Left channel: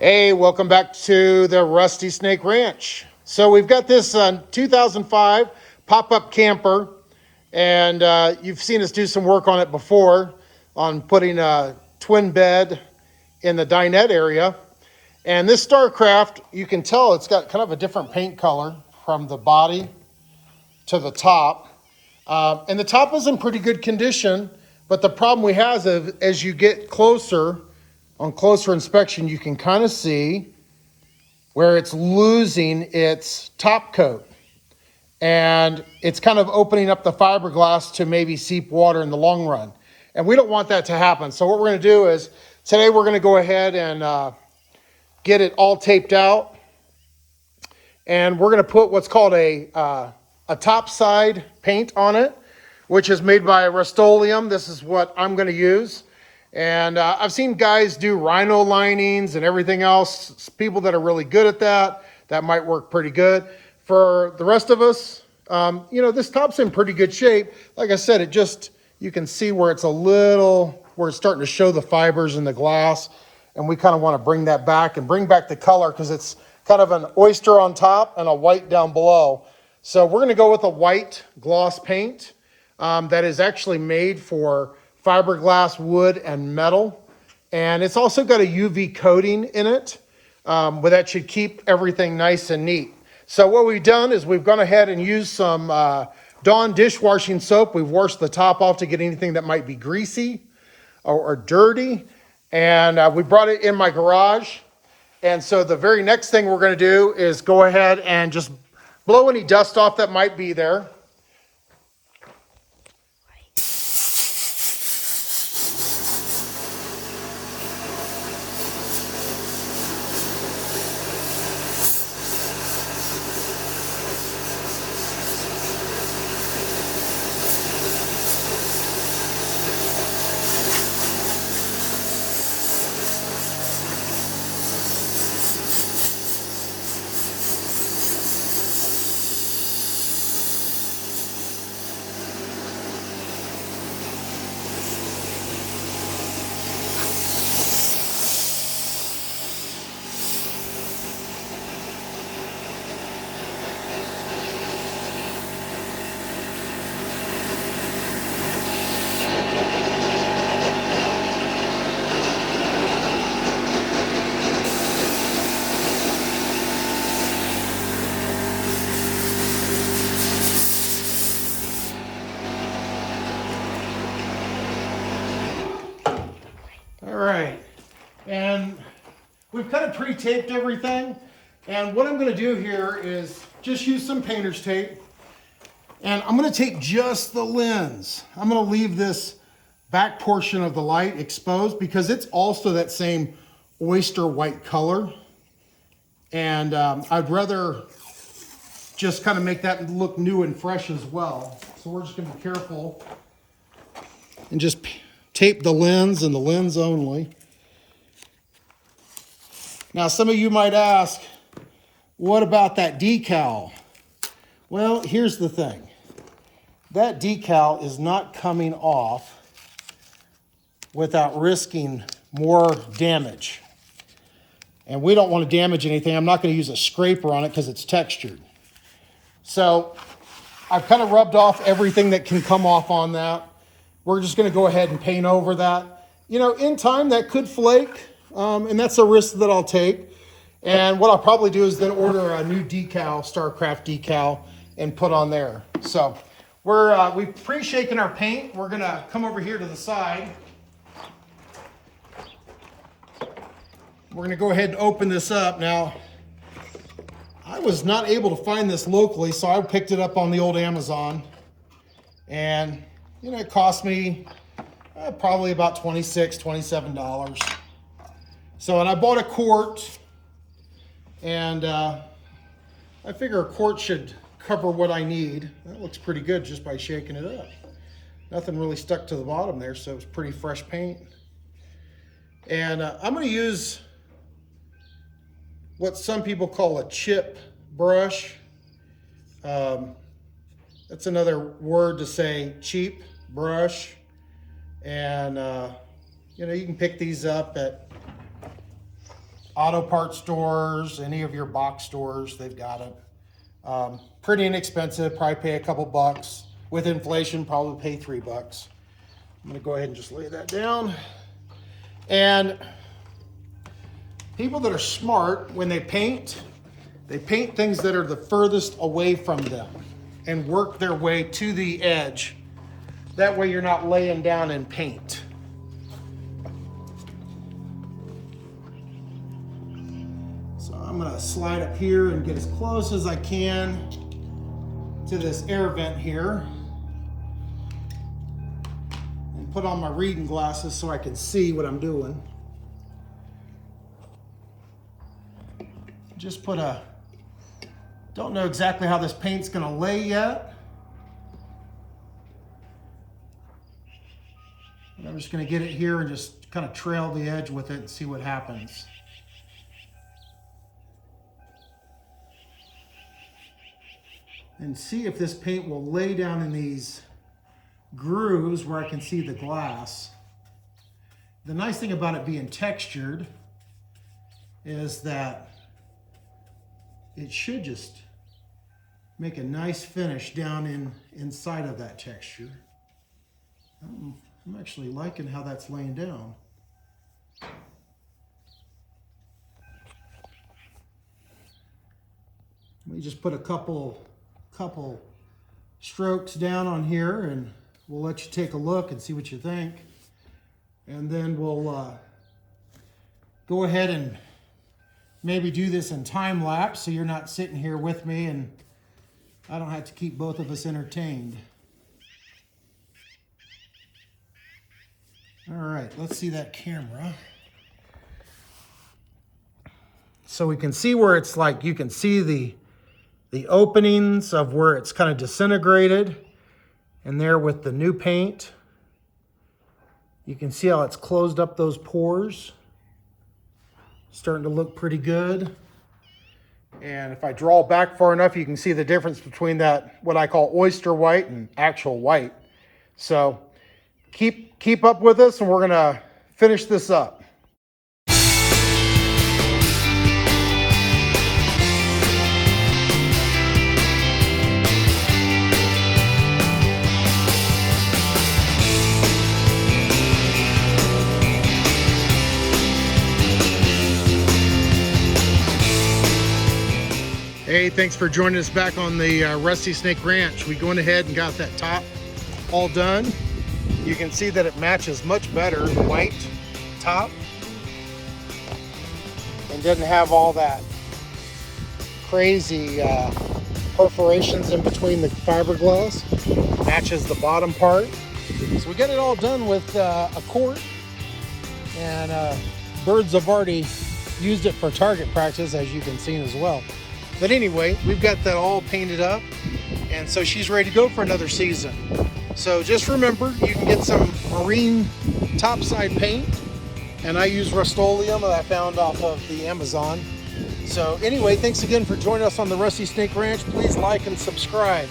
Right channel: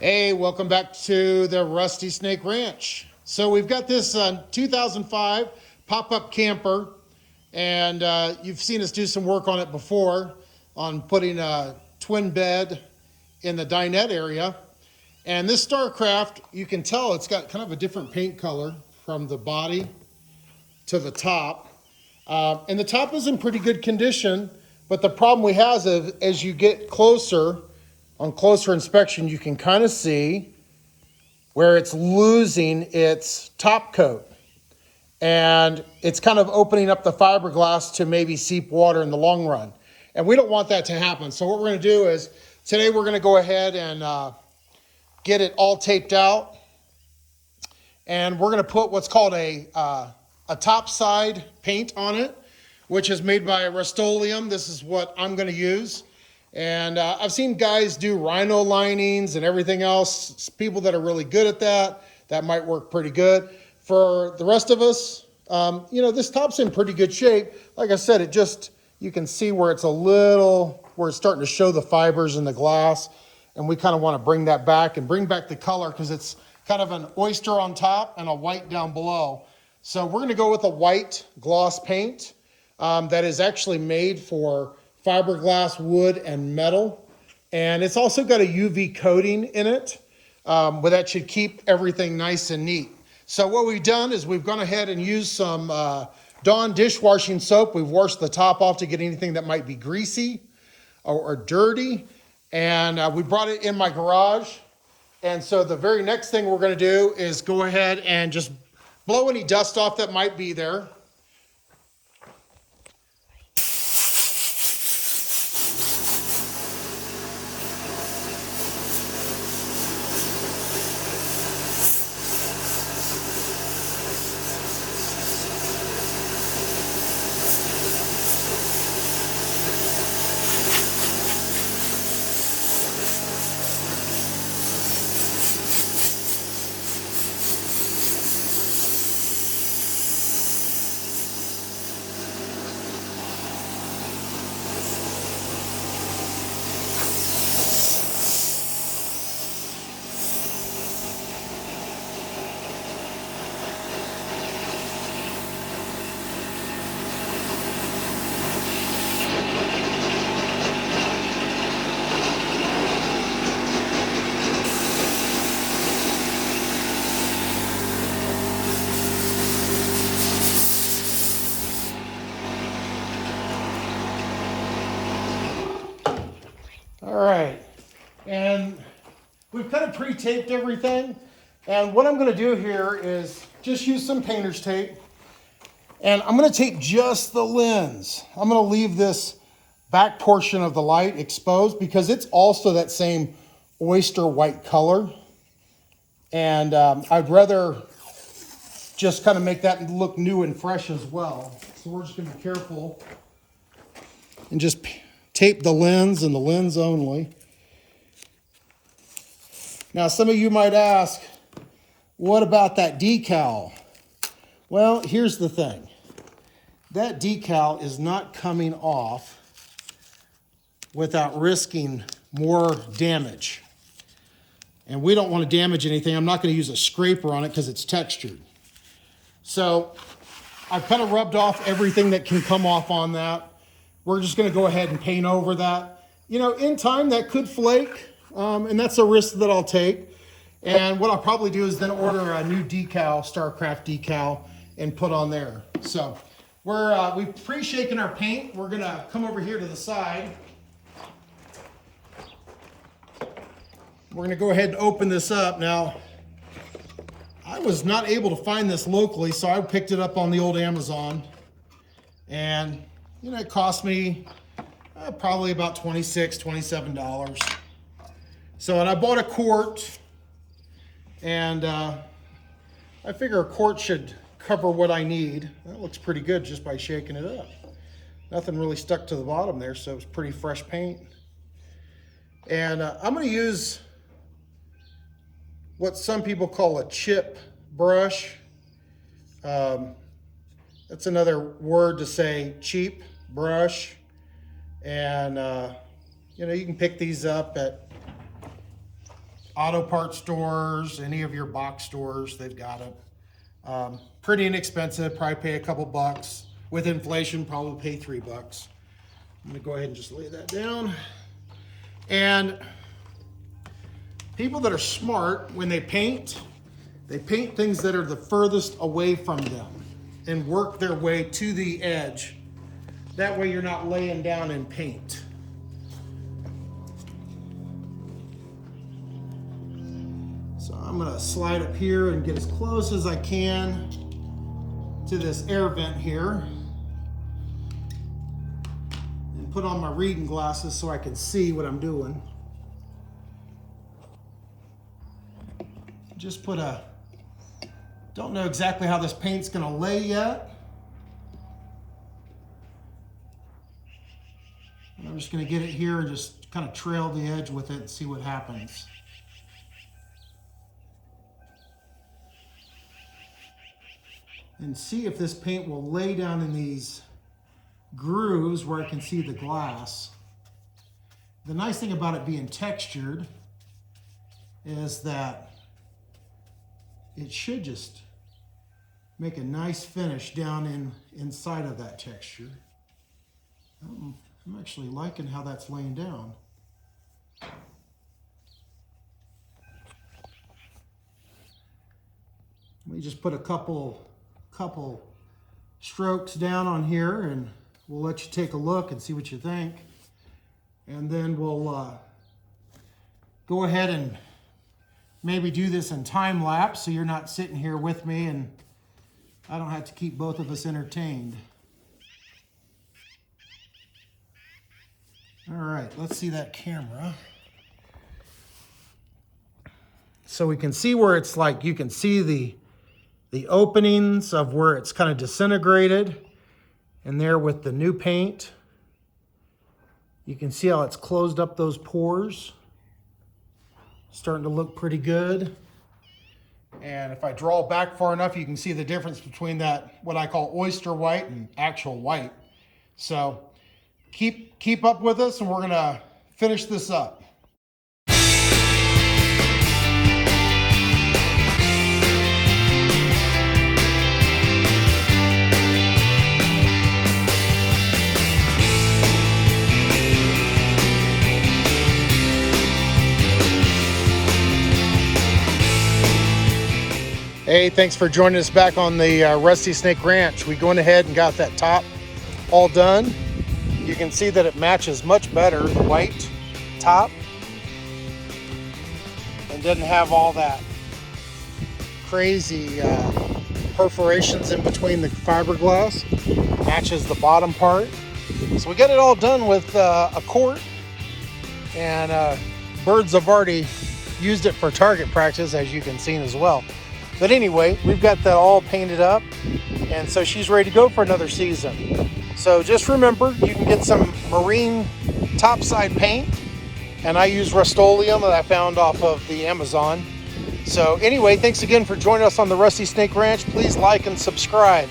Hey, welcome back to the Rusty Snake Ranch. So we've got this 2005 pop-up camper, and you've seen us do some work on it before on putting a twin bed in the dinette area. And this Starcraft, you can tell it's got kind of a different paint color from the body to the top. And the top is in pretty good condition, but the problem we have is as you get closer, on closer inspection, you can kind of see where it's losing its top coat. And it's kind of opening up the fiberglass to maybe seep water in the long run. And we don't want that to happen. So what we're gonna do is, today we're gonna go ahead and get it all taped out. And we're gonna put what's called a top side paint on it, which is made by Rust-Oleum. This is what I'm gonna use. And I've seen guys do rhino linings and everything else. People that are really good at that, that might work pretty good. For the rest of us, this top's in pretty good shape. Like I said, you can see where it's where it's starting to show the fibers in the glass. And we kind of want to bring that back and bring back the color because it's kind of an oyster on top and a white down below. So we're going to go with a white gloss paint that is actually made for fiberglass, wood, and metal. And it's also got a UV coating in it, but that should keep everything nice and neat. So what we've done is we've gone ahead and used some Dawn dishwashing soap. We've washed the top off to get anything that might be greasy or dirty. And we brought it in my garage. And so the very next thing we're gonna do is go ahead and just blow any dust off that might be there. All right, and we've kind of pre-taped everything. And what I'm gonna do here is just use some painter's tape. And I'm gonna take just the lens. I'm gonna leave this back portion of the light exposed because it's also that same oyster white color. And I'd rather just kind of make that look new and fresh as well. So we're just gonna be careful and just tape the lens and the lens only. Now, some of you might ask, what about that decal? Well, here's the thing. That decal is not coming off without risking more damage. And we don't want to damage anything. I'm not going to use a scraper on it because it's textured. So I've kind of rubbed off everything that can come off on that. We're just going to go ahead and paint over that. In time that could flake, and that's a risk that I'll take. And what I'll probably do is then order a new decal, Starcraft decal, and put on there. So we've pre-shaken our paint. We're going to come over here to the side. We're going to go ahead and open this up. Now, I was not able to find this locally, so I picked it up on the old Amazon. And it cost me probably about $26, $27. So, and I bought a quart, and I figure a quart should cover what I need. That looks pretty good just by shaking it up. Nothing really stuck to the bottom there, so it's pretty fresh paint. And I'm going to use what some people call a chip brush. That's another word to say cheap brush. And, you can pick these up at auto parts stores, any of your box stores, they've got it. Pretty inexpensive, probably pay a couple bucks. With inflation, probably pay $3. I'm gonna go ahead and just lay that down. And people that are smart, when they paint things that are the furthest away from them and work their way to the edge. That way you're not laying down in paint. So I'm gonna slide up here and get as close as I can to this air vent here. And put on my reading glasses so I can see what I'm doing. Just put a, don't know exactly how this paint's gonna lay yet. I'm just gonna get it here and just kind of trail the edge with it and see what happens. And see if this paint will lay down in these grooves where I can see the glass. The nice thing about it being textured is that it should just make a nice finish down inside of that texture. I'm actually liking how that's laying down. Let me just put a couple strokes down on here and we'll let you take a look and see what you think. And then we'll go ahead and maybe do this in time lapse so you're not sitting here with me and I don't have to keep both of us entertained. All right, let's see that camera. So we can see where it's like, you can see the openings of where it's kind of disintegrated. And there with the new paint, you can see how it's closed up those pores. Starting to look pretty good. And if I draw back far enough, you can see the difference between that, what I call oyster white and actual white. So keep up with us and we're gonna finish this up. Hey, thanks for joining us back on the Rusty Snake Ranch. We went ahead and got that top all done. You can see that it matches much better, the white top, and doesn't have all that crazy perforations in between the fiberglass. Matches the bottom part. So we got it all done with a quart, and birds have already used it for target practice, as you can see as well. But anyway, we've got that all painted up, and so she's ready to go for another season. So just remember, you can get some marine topside paint, and I use Rust-Oleum that I found off of the Amazon. So anyway, thanks again for joining us on the Rusty Snake Ranch. Please like and subscribe.